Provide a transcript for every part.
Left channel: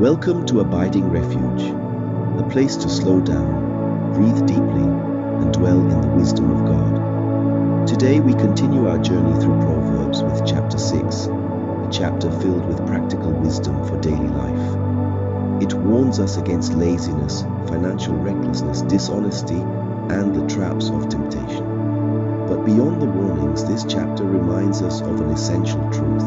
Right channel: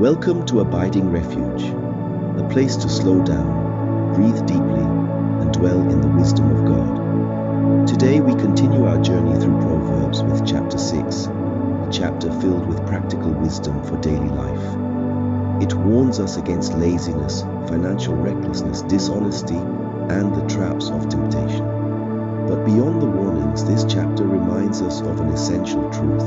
Welcome to Abiding Refuge, a place to slow down, breathe deeply, and dwell in the wisdom of God. Today we continue our journey through Proverbs with chapter 6, a chapter filled with practical wisdom for daily life. It warns us against laziness, financial recklessness, dishonesty, and the traps of temptation. But beyond the warnings, this chapter reminds us of an essential truth.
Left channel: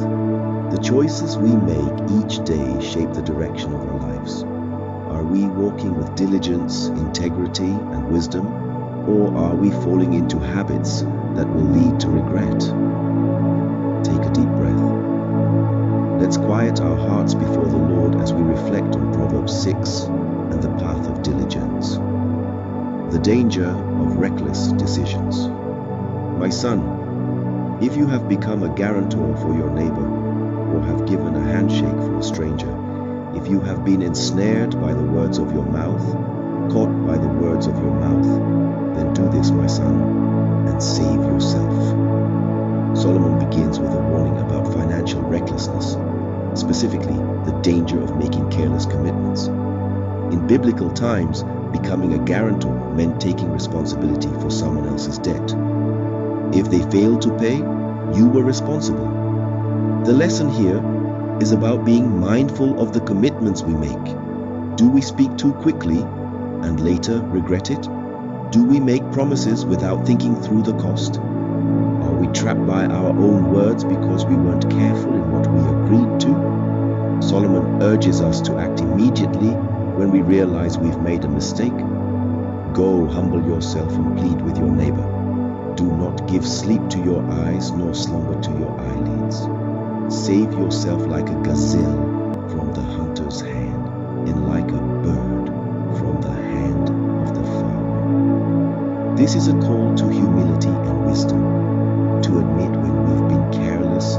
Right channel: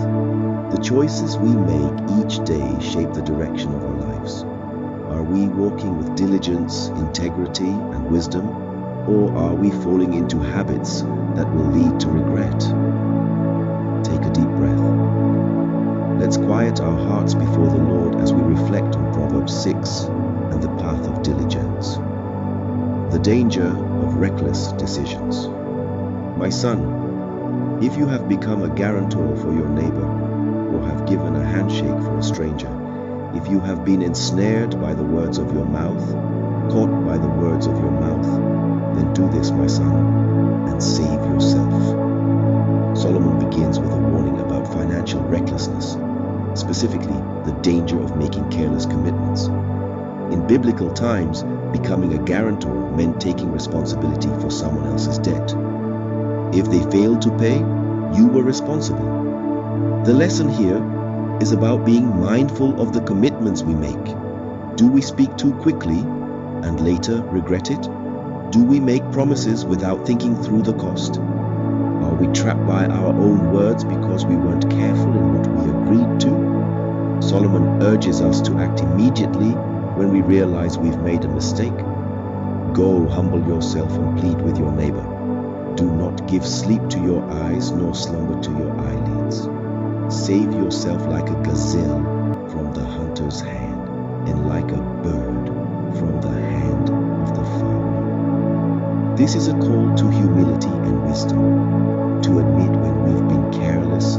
The choices we make each day shape the direction of our lives. Are we walking with diligence, integrity, and wisdom, or are we falling into habits that will lead to regret? Take a deep breath. Let's quiet our hearts before the Lord as we reflect on Proverbs 6 and the path of diligence. The danger of reckless decisions. My son, if you have become a guarantor for your neighbor, or have given a handshake for a stranger, if you have been ensnared by the words of your mouth, caught by the words of your mouth, then do this, my son, and save yourself. Solomon begins with a warning about financial recklessness, specifically the danger of making careless commitments. In biblical times, becoming a guarantor meant taking responsibility for someone else's debt. If they failed to pay, you were responsible. The lesson here is about being mindful of the commitments we make. Do we speak too quickly and later regret it? Do we make promises without thinking through the cost? Are we trapped by our own words because we weren't careful in what we agreed to? Solomon urges us to act immediately when we realize we've made a mistake. Go, humble yourself and plead with your neighbor. Do not give sleep to your eyes nor slumber to your eyelids. Save yourself like a gazelle from the hunter's hand, and like a bird from the hand of the fowler. This is a call to humility and wisdom, to admit when we've been careless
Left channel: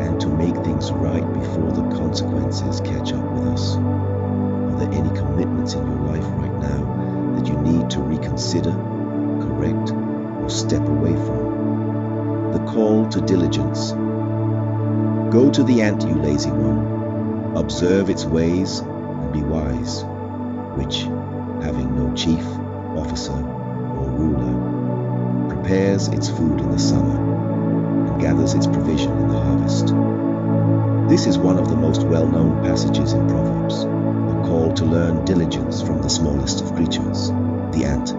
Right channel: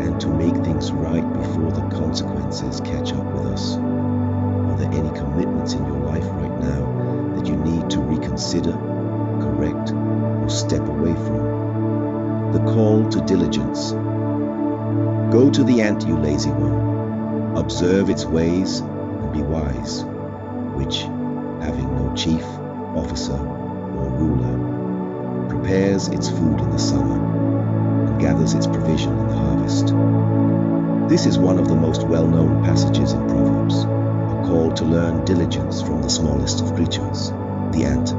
and to make things right before the consequences catch up with us. Are there any commitments in your life right now that you need to reconsider, correct, or step away from? The call to diligence. Go to the ant, you lazy one. Observe its ways and be wise, which, having no chief, officer, or ruler, prepares its food in the summer and gathers its provision in the harvest. This is one of the most well-known passages in Proverbs, a call to learn diligence from the smallest of creatures, the ant.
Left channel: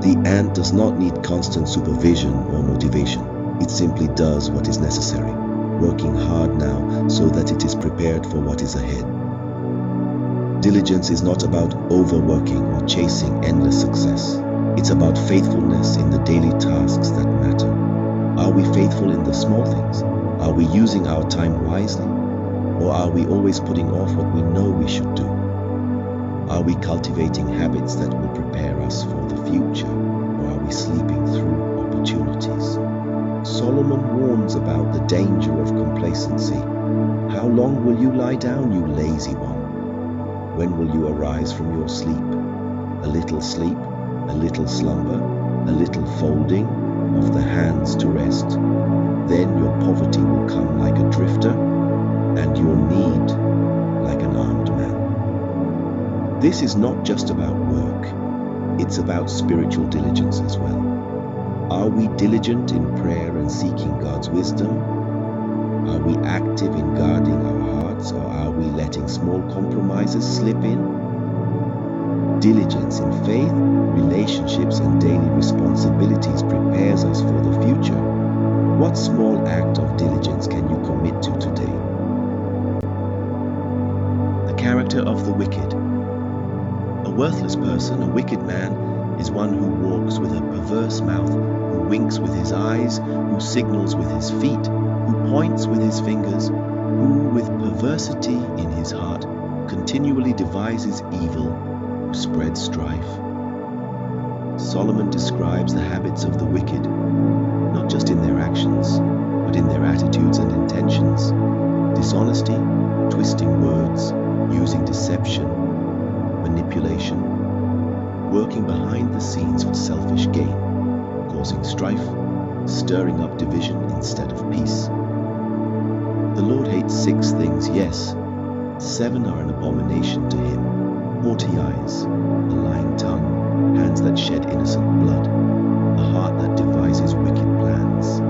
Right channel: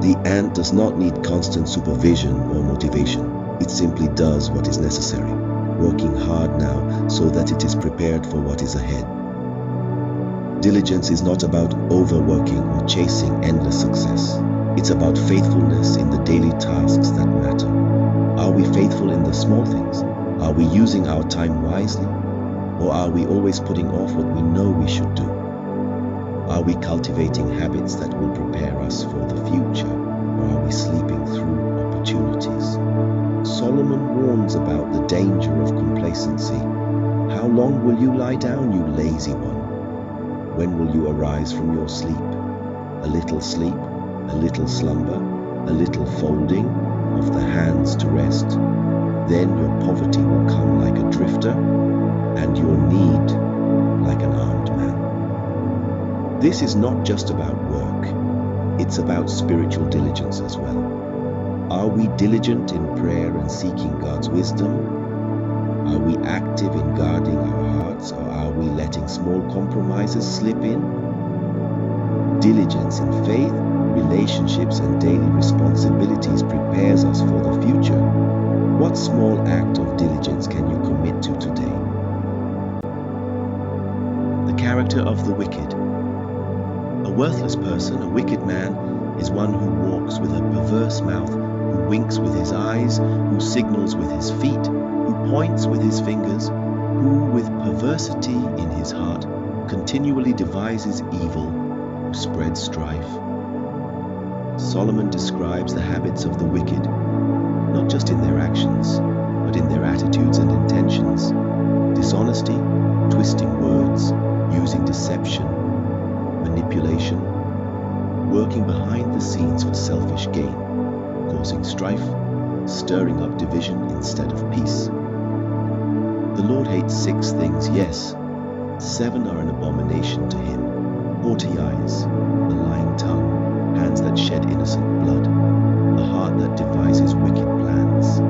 The ant does not need constant supervision or motivation. It simply does what is necessary, working hard now so that it is prepared for what is ahead. Diligence is not about overworking or chasing endless success. It's about faithfulness in the daily tasks that matter. Are we faithful in the small things? Are we using our time wisely? Or are we always putting off what we know we should do? Are we cultivating habits that will prepare us for the future? Or are we sleeping through opportunities? Solomon warns about the danger of complacency. How long will you lie down, you lazy one? When will you arise from your sleep? A little sleep, a little slumber, a little folding of the hands to rest. Then your poverty will come like a drifter, and your need like an armed man. This is not just about work. It's about spiritual diligence as well. Are we diligent in prayer and seeking God's wisdom? Are we active in guarding our hearts, or are we letting small compromises slip in? Diligence in faith, relationships, and daily responsibilities prepares us for the future. What small act of diligence can you commit to today? The character of the wicked. A worthless person, a wicked man, is one who walks with a perverse mouth, who winks with his eyes, who signals with his feet, who points with his fingers, who with perversity in his heart continually devises evil, who spreads strife. Solomon describes the habits of the wicked, not just in their actions, but in their attitudes and intentions. Dishonesty, twisting words, using deception, manipulation, working behind the scenes for selfish gain, causing strife, stirring up division instead of peace. The Lord hates 6 things, yes, 7 are an abomination to him: haughty eyes, a lying tongue, hands that shed innocent blood, a heart that devises wicked plans,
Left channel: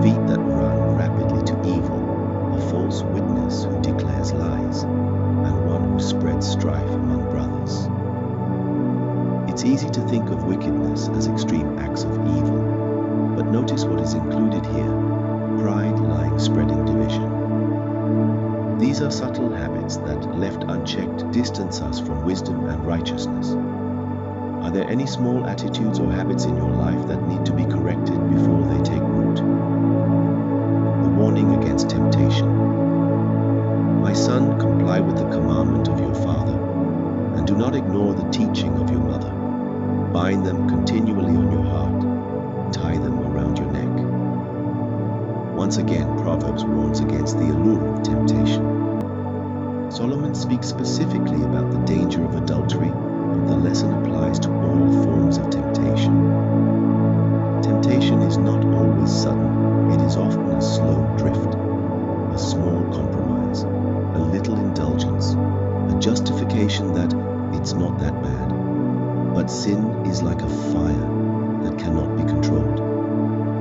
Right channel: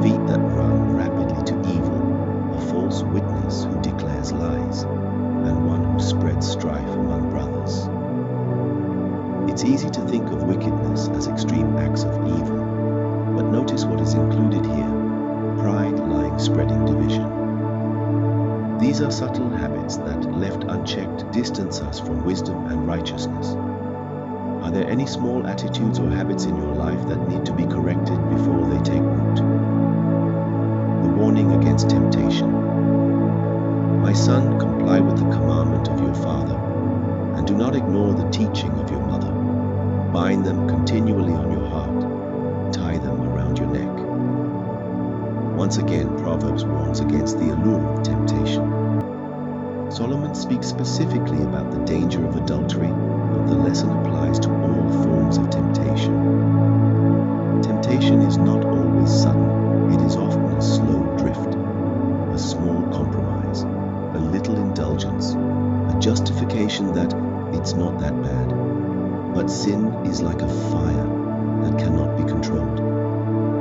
feet that run rapidly to evil, a false witness who declares lies, and one who spreads strife among brothers. It's easy to think of wickedness as extreme acts of evil, but notice what is included here: pride, lying, spreading division. These are subtle habits that, left unchecked, distance us from wisdom and righteousness. Are there any small attitudes or habits in your life that need to be corrected before they take root? The warning against temptation. My son, comply with the commandment of your father, and do not ignore the teaching of your mother. Bind them continually on your heart, tie them around your neck. Once again, Proverbs warns against the allure of temptation. Solomon speaks specifically about the danger of adultery, but the lesson applies to all forms of temptation. Temptation is not always sudden. It is often a slow drift, a small compromise, a little indulgence, a justification that it's not that bad. But sin is like a fire that cannot be controlled.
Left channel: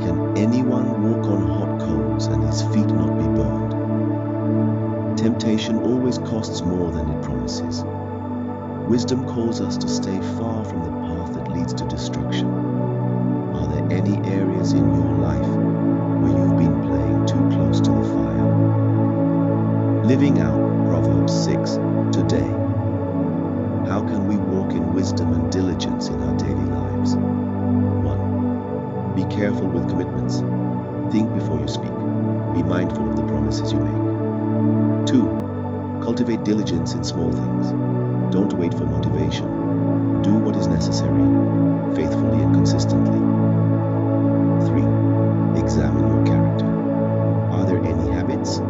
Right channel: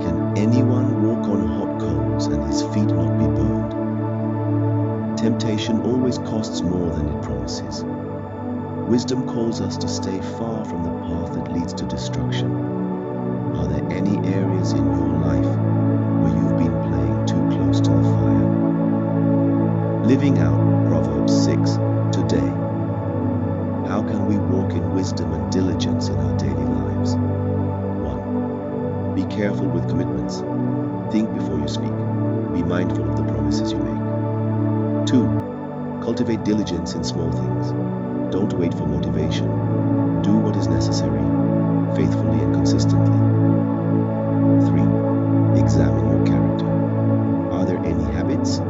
Can anyone walk on hot coals and his feet not be burned? Temptation always costs more than it promises. Wisdom calls us to stay far from the path that leads to destruction. Are there any areas in your life where you've been playing too close to the fire? Living out Proverbs 6 today. How can we walk in wisdom and diligence in our daily lives? 1. Be careful with commitments. Think before you speak. Be mindful of the promises you make. 2. Cultivate diligence in small things. Don't wait for motivation. Do what is necessary, faithfully and consistently. 3. Examine your character. Are there any habits,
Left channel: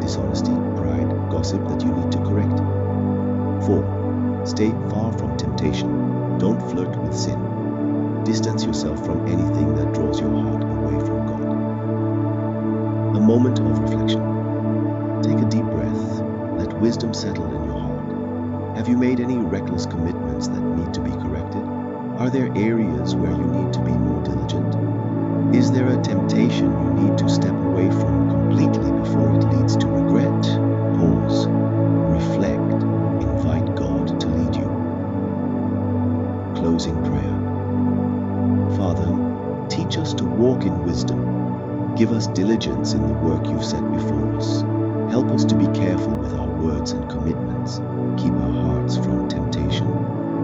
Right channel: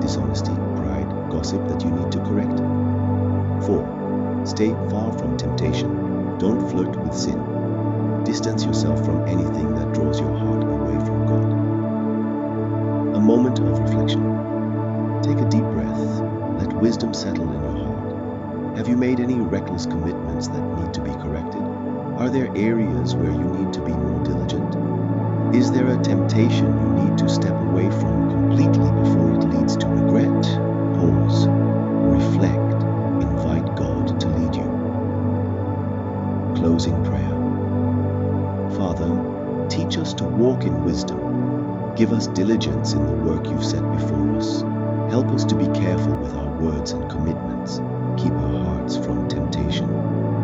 dishonesty, pride, gossip that you need to correct? 4. Stay far from temptation. Don't flirt with sin. Distance yourself from anything that draws your heart away from God. A moment of reflection. Take a deep breath. Let wisdom settle in your heart. Have you made any reckless commitments that need to be corrected? Are there areas where you need to be more diligent? Is there a temptation you need to step away from completely before it leads to regret? Pause. Reflect. Invite God to lead you. Closing prayer. Father, teach us to walk in wisdom. Give us diligence in the work you've set before us. Help us to be careful with our words and commitments. Keep our hearts from temptation.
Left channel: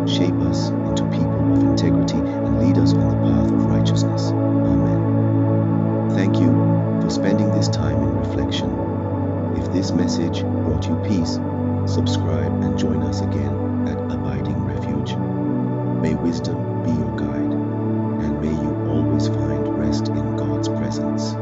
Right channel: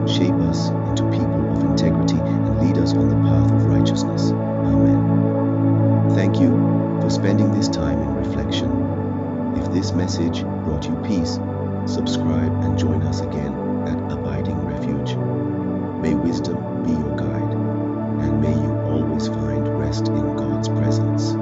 Shape us into people of integrity and lead us on the path of righteousness. Amen. Thank you for spending this time in reflection. If this message brought you peace, subscribe and join us again at Abiding Refuge. May wisdom be your guide, and may you always find rest in God's presence.